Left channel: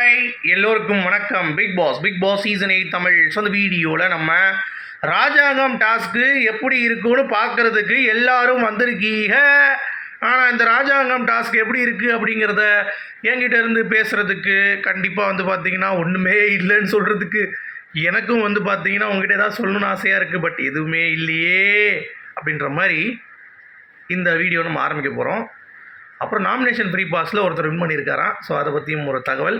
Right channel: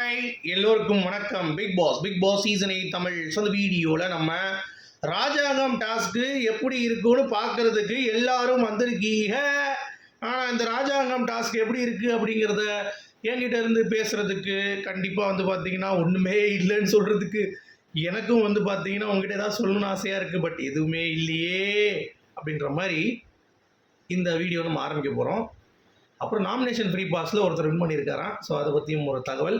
Hi எல்லோருக்கும் வணக்கம். Big boss big boss season eight Tamil so அந்த வீடியோவில் நம்ம ராஜாங்கம் டாஸ்க்கு எப்படி இருக்குன்னு பார்க்கறதுக்கு எல்லாரும் வந்திருக்கீங்க. ஆனால் இந்த ராஜாங்கம் டாஸ்க் எப்படி இருக்குது அப்படிங்கிறத என்கிட்ட இருந்து பேசுகிறதுக்கு கண்டிப்பாக வந்து பார்த்தீங்கன்னா ஒன்றுமே இல்லைன்னு சொல்கிறதுக்கு எனக்கும் வந்து பார்த்தீங்கன்னா உங்ககிட்ட ஏதாவது சொல்லணும்னு ஆசையாக இருக்குது பட் எதுவுமே இல்லையே அப்படின்ற மாதிரி இந்த வீடியோ நம்ம ஆரம்பிக்க போகிறோம் அப்புறம் நாமினேஷன் ஃப்ரீ பாஸில் ஒருத்தர் வின் பண்ணியிருக்காராம். ஸோ அதை பற்றியும் ஒரு தகவல்.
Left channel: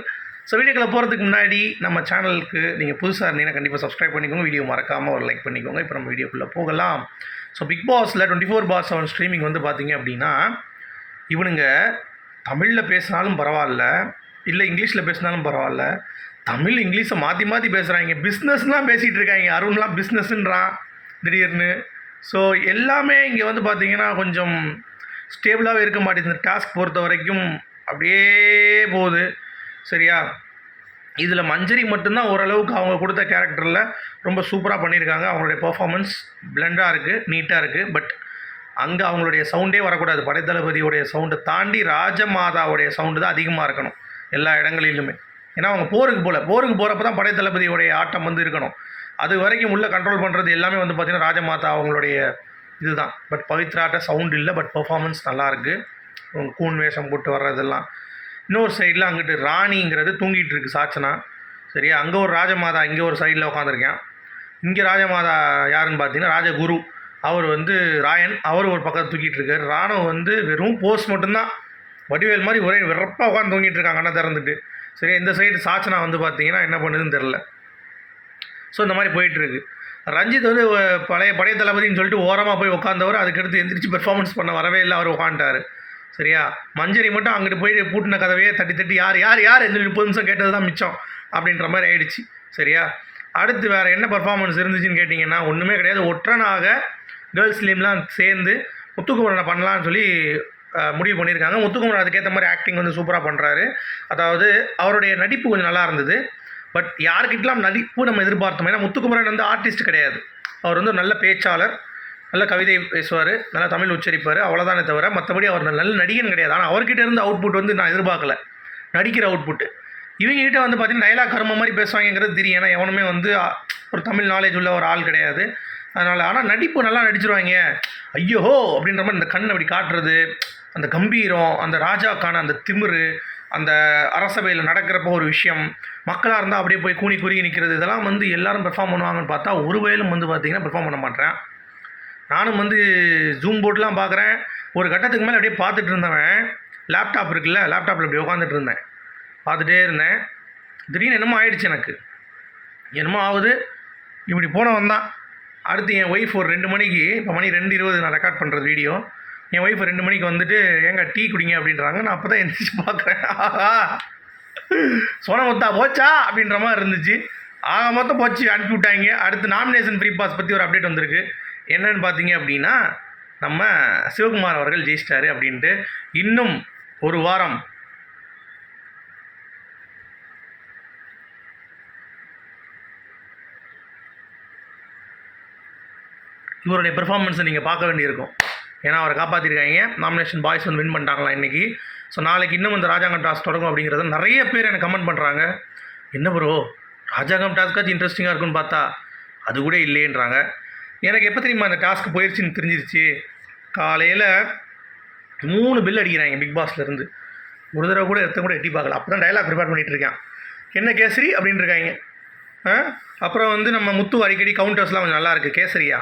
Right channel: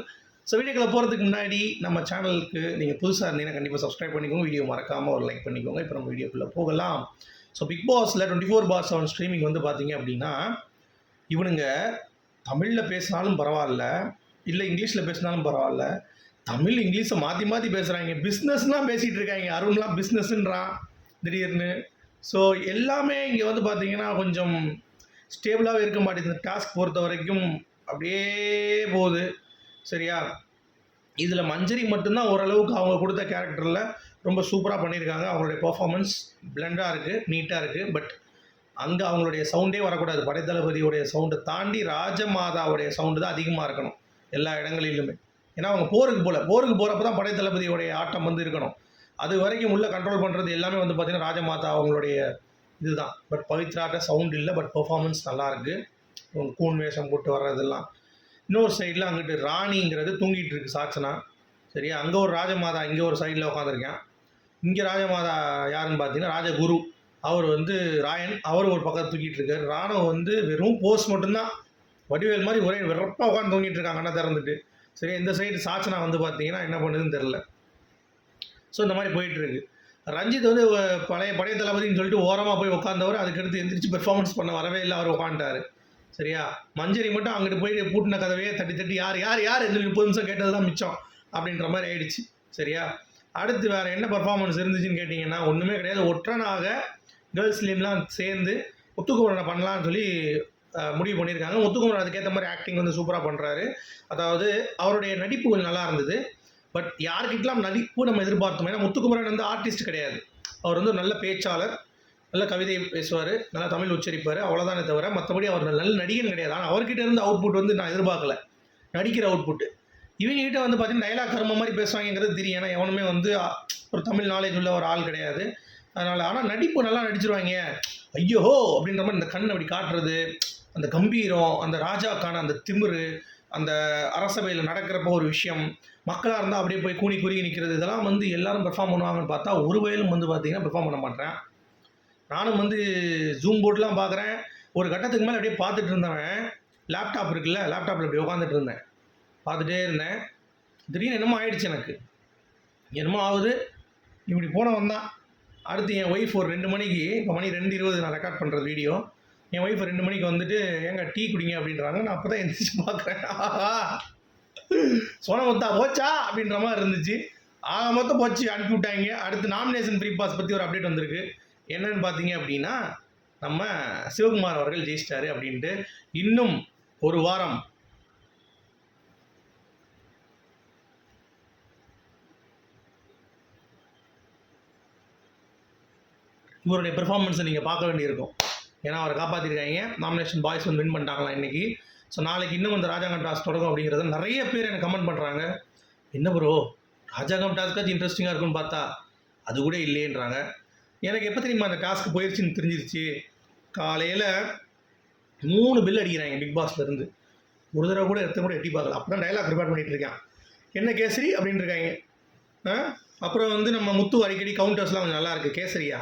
ஸோ வீடியோக்களை போகிறதுக்கு முன்னாடி நம்ம சேனலுக்கு நீங்கள் புதுசாக இருந்தீங்கன்னா கண்டிப்பாக சப்ஸ்கிரைப் பண்ணிக்கோங்க. வீடியோ மறக்காமல் ஒரு லைக் பண்ணிக்கோங்க. இப்போ நம்ம வீடியோக்குள்ளே போகலாம். ஸோ பிக் பாஸில் twenty four pass seven streaming வந்து பார்த்தீங்க அப்படின்னா இவனுங்க தமிழில் பேசினாலும் பரவாயில்ல இல்லை இங்கிலீஷில் பேசினாலும் பரவாயில்ல தமிழ் இங்கிலீஷை மாற்றி மாற்றி பேசுகிறாங்க பிஸ்னஸ்லாம் பேசிகிட்டு இருக்காங்க. அருண்லாம் பிஸ்னஸ்ன்றான் திடீர்னு. ஸோ எல்லாமே இங்கே வந்து பார்த்திங்கன்னா கொஞ்சம் ஸ்டேபிளாகவே இருக்க மாட்டேங்குது. இந்த டாஸ்க் பொறுத்த வரைக்கும் அப்படியே போகுது. சரியா? இதில் மஞ்சரி மட்டும்தான் ஓரளவுக்கு அவங்க கொடுத்த கேரக்டரில் ரொம்ப சூப்பராக பண்ணியிருக்காங்க. அவங்களுடைய பர்ஃபாமன்ஸ் பிளெண்டாக இருக்குது நீட்டாக இருக்குது பட் அங்கே அவங்களுடைய சவுண்டே வரக்கூடாது. படைத்தளபதியோடைய சவுண்டை தாண்டி ராஜமாதாவுடைய சவுண்டு தான் அதிகமாக இருக்கணும். எல்லா இடங்களிலுமே. ஏன்னா அவங்க போருக்கு போகல போருக்கு போகிறப்ப தான் படைத்தளபதியோடைய ஆட்டம் வந்து இருக்கணும். அது வரைக்கும் உள்ளே கண்ட்ரோல் பண்ணுறது எல்லாமே வந்து பார்த்திங்கன்னா ராஜமாதா அவங்களுடைய இதுதான். பட் பவித்ராட்ட சவுண்ட் இல்லை பட் பர்ஃபாமன்ஸ் நல்லாயிருக்கு அவங்க கூன் வேஷம் போட்டு வர்றதெல்லாம். இன்னொரு சைடில் அங்கிட்டு ராணிங்கிறது தூங்கிட்டு இருக்கு சாச்சனா. சரியா? அங்கே ஒரு ராஜமாதா இங்கே ஒரு சைடில் உட்காந்துருக்கேன் இங்கே ராஜமாதா யாருன்னு பார்த்தீங்கன்னா ராஜகுரு. அவர் வந்து ராயன். அவர் ஒரு பக்கத்தில் தூக்கிட்டு இருக்காரு. ராணுவம் வந்து வெறும் போஸ் மட்டும்தான். வடிவேல் மாதிரி ஒரே வெறப்பாக உட்காந்து தூங்கிட்டு இருக்காங்க அண்ணா திறந்துட்டு. சரியா? இந்த சைடு சாச்சனா வந்து பார்த்தீங்கன்னா என்ன பண்ணுதுன்னு தெரில ஸோ இந்த மாதிரி போயிட்டுருக்கு ரஞ்சித் வந்து பழைய பழைய தளபதின்னு சொல்லிட்டு ஓரமாக போய் உட்காந்தவர் அதுக்கடுத்து எந்திரிச்சு பெர்ஃபார்மன்ஸ் பண்ண வரவே இல்லை. அவர் உட்காந்துட்டார் சரியா? மஞ்சரி மட்டும் அங்கிட்டு போய் பூட்டின கதவையே தட்டி தட்டி யார் யார் யார்? இந்த முப்பது நிமிஷம் கேட்டது தான் மிச்சம் அப்படின்ற மாதிரி ஆயிடுச்சு. சரியா? அடுத்து வேறு என்ன பர்ஃபார்மன்ஸ் இருந்துச்சுன்னு கேட்டிங்கன்னா ஒன்றுமே கிடையாது. ஒற்றனாக கேர்ள்ஸ் லீம்லாம் சேர்ந்து முத்துக்குமரனை பண்ணலான்னு சொல்லி முடிவு பண்ணியிருக்காங்க. முத்துக்குமரன் அதுக்கேற்ற மாதிரி ஆக்டிங் வந்து சூப்பராக பண்ணுறாரு அதாவது அவருடைய நடிப்பு கொஞ்சம் நல்லா இருந்தது. பட் யாருக்கிட்டலாம் நடிப்பு நம்ம எதிர்பார்த்தோம். ஏன்னா முத்துக்குமரன் வந்து ஆர்டிஸ்ட் கிடையாது. அவர் வந்து ஒரு நல்ல பேச்சாளர். நல்ல கவிதை பேசுவார் நல்லா தமிழ் உச்சரிப்பார் அவ்வளோதானே தவிர மற்றபடி அவர் நல்ல நடிகன் கிடையாது. ஆனால் அவர்கிட்ட இருந்து அவுட்புட் வந்து நான் எதிர்பார்க்கல. நடிக்கிற அவுட்புட்டு இவங்ககிட்ட வந்து பார்த்தீங்கன்னா டைலாக் கர்ம மாதிரி பேசுவாங்கங்கிறது தெரியும். ஏன்னா எவனுமே வந்து ஒரு தமிழ் நாலேஜ் உள்ள ஒரு ஆள் கிடையாது. அதனால் ஆனால் நடிப்பு நல்லா நடிச்சிருவாங்க. ஐயோ அப்படின்ற மாதிரி இந்த கண் அப்படி காட்டுறது அந்த கம்பீரம் அந்த ராஜாக்கான அந்த திமிரு அந்த அரசபையில் நடக்கிறப்போ ஒரு விஷயம் மக்களாக இருந்தால் அப்படியே போய் கூனி குறுகி நிற்கிறது இதெல்லாம் வந்து எல்லாரும் பெர்ஃபார்ம் பண்ணுவாங்கன்னு பார்த்தா ஒரு வயலும் வந்து பார்த்திங்கன்னா பெர்ஃபார்ம் பண்ண மாட்டேன். நானும் வந்து ஜூம் போர்ட்லாம் பார்க்குறேன். ஒரு கட்டத்துக்கு மேலே அப்படியே பார்த்துட்டு இருந்தவன் லேப்டாப் இருக்குல்ல லேப்டாப்பில் இப்படி உட்காந்துட்டு இருந்தேன். பார்த்துட்டே இருந்தேன். திடீர்னு என்னமோ ஆயிடுச்சு எனக்கு. என்னமோ ஆகுது. இப்படி போனவன் தான். அடுத்து என் ஒய்ஃப் ஒரு ரெண்டு மணிக்கு இப்போ மணி ரெண்டு இருபது நான் ரெக்கார்ட் பண்ணுறது வீடியோ என் ஒய்ஃப் ரெண்டு மணிக்கு வந்துட்டு ஏங்க டீ குடிங்க அப்படின்றாங்க. நான் அப்போ தான் எந்திரிச்சு பார்க்குறேன். ஆஹா. சோனமுத்தா போச்சா? அப்படின்ற மாதிரி இருந்துச்சு. ஆக மொத்தம் போச்சு அனுப்பி விட்டாங்க அடுத்து நாமினேஷன் ஃப்ரீ பாஸ் பற்றி ஒரு அப்டேட் வந்திருக்கு. என்னன்னு பார்த்தீங்க அப்படின்னா நம்ம சிவகுமார் அவர்கள் ஜெயிச்சிட்டாரு அப்படின்ட்டு இன்னும் ஒரு வாரம் இவருடைய பெர்ஃபார்மன்ஸை நீங்கள் பார்க்க வேண்டியிருக்கும். ஏன்னா அவரை காப்பாற்றிருக்காங்க நாமினேஷன் பாய்ஸ் வந்து வின் பண்ணிட்டாங்களா இன்றைக்கி ஸோ நாளைக்கு இன்னும் இந்த ராஜாங்கம் டாஸ் தொடங்கும் அப்படிங்கிறத நிறைய பேர் எனக்கு கமெண்ட் பண்ணுறாங்க என்ன ப்ரோ ராஜாங்கம் டாஸ்க்காச்சும் இன்ட்ரெஸ்டிங்காக இருக்குன்னு பார்த்தா அது கூட இல்லையேன்றாங்க. எனக்கு எப்போ தெரியுமா அந்த டாஸ்க்கு போயிடுச்சுன்னு தெரிஞ்சிருச்சு? காலையில் மூணு பில் அடிக்கிறாங்க பிக் பாஸ்லேருந்து ஒரு தடவை கூட எடுத்த கூட எட்டி பார்க்கல. அப்போ தான் டைலாக் ப்ரிப்பேர் பண்ணிகிட்டு இருக்கேன். என்ன கேசரி அப்படின்னு இருக்காங்க. அப்புறம் வந்து நம்ம முத்து அடிக்கடி கவுண்டர்ஸ்லாம் கொஞ்சம் நல்லா இருக்குது கேசரியா?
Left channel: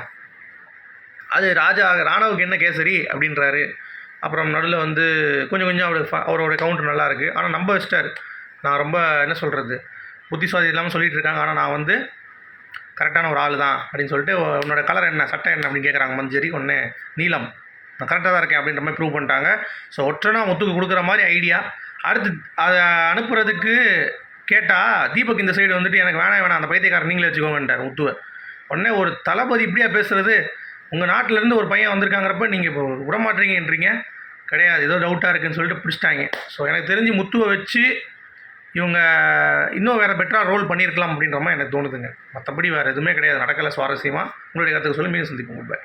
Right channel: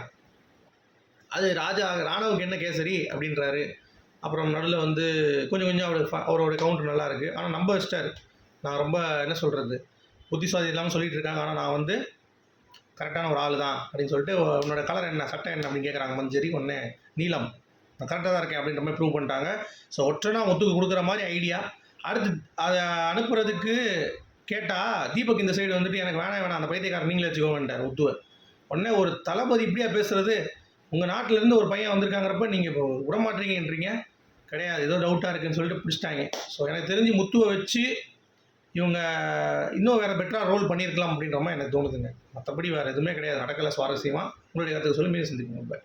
அது ராஜா ராணவுக்கு என்ன கேசரி அப்படின்றாரு. அப்புறம் நடுவில் வந்து கொஞ்சம் கொஞ்சம் அவர் அவரோட கவுண்டர் நல்லாயிருக்கு ஆனால் நம்ப வச்சிட்டாரு. நான் ரொம்ப என்ன சொல்கிறது புத்திசாலி இல்லாமல் சொல்லிகிட்டு இருக்காங்க. ஆனால் நான் வந்து கரெக்டான ஒரு ஆள் தான் அப்படின்னு சொல்லிட்டு உன்னோட கலர் என்ன சட்டை என்ன அப்படின்னு கேட்குறாங்க மஞ்சரி ஒன்று நீலம். நான் கரெக்டாக தான் இருக்கேன் அப்படின்ற மாதிரி ப்ரூவ் பண்ணிட்டாங்க. ஸோ ஒற்றனா முத்துக்கு கொடுக்குற மாதிரி ஐடியா அடுத்து அதை அனுப்புறதுக்கு கேட்டால் தீபக் இந்த சைடு வந்துட்டு எனக்கு வேணாம் வேணாம். அந்த பைத்தியக்காரன் நீங்களே வச்சுக்கோங்கன்றார் முத்துவை. உடனே ஒரு தளபதி இப்படியா பேசுகிறது உங்கள் நாட்டிலேருந்து ஒரு பையன் வந்திருக்காங்கிறப்ப நீங்கள் இப்போ விடமாட்டீங்கன்றீங்க கிடையாது. ஏதோ டவுட்டாக இருக்குன்னு சொல்லிட்டு பிடிச்சிட்டாங்க. ஸோ எனக்கு தெரிஞ்சு முத்துவை வச்சு இவங்க இன்னும் வேறு பெட்டராக ரோல் பண்ணியிருக்கலாம் அப்படின்ற மாதிரி எனக்கு தோணுதுங்க. மற்றபடி வேறு எதுவுமே கிடையாது. நடக்கலை சுவாரஸ்யமாக உங்களுடைய கருத்துக்கு சொல்லி மீண்டும் சந்திப்போம். பை